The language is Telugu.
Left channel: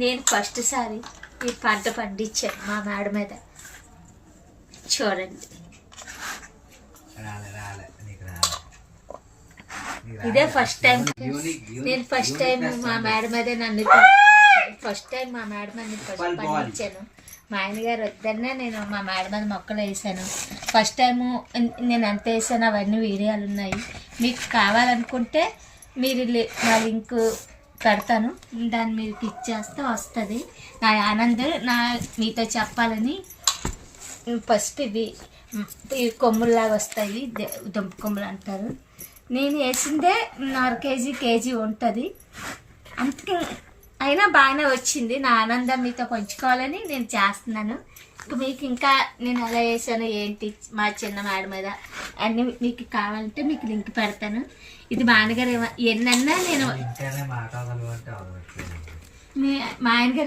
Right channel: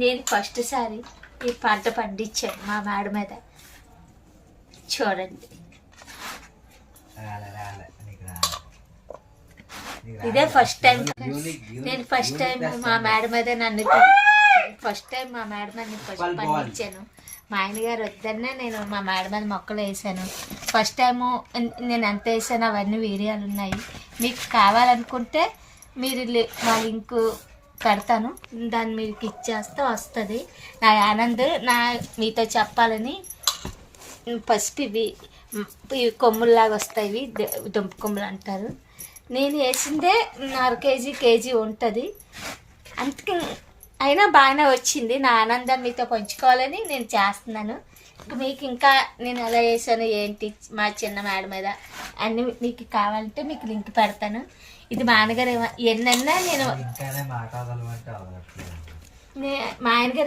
నేను ఫస్ట్ సారి ఈ పంట పండించాను మా మేడ మీద. చూడండి, ఇదే ఫస్ట్ టైం. నేను ఫస్ట్ టైం మా మేడ మీద ఫస్ట్ టైం మా మేడ మీద పండించాను. మా ఆయన గారు వద్దనే నేను మా మేడ మీద మొక్కలు వేసాను. ఫస్ట్ టైము నేను ఎంత వేసాను అవన్నీ వీడియోలు ఉన్నాయి. మీకు కావాలనుకుంటే మీరు మా లింకు పెడతాను, దాన్ని మీరు క్లిక్ చేస్తే వస్తుంది. నా ఆనంద్ మీతో చెప్పాలని ఫస్ట్ ఇవి కొమ్ముల్లాగా వస్తాయి, దుంప కొమ్ములు అంటారు. నేను వేసిందే 1/2 కేజీ ఉంటుంది. అందుకే అయినా బాగానే వచ్చింది. నా ఆనందం మీతో పంచుకోవాలని నేను చేస్తున్నాను. మీకు ఇంకా నేను ఎలా వేసాను ఏంటి మా చిన్న మేడ మీద అన్నీ మీకు కావాలంటే మీకు లింక్ పెడతాను. ఇది మా ఆయనగారు ఎన్నన్నా నేను మా ఆయనగారు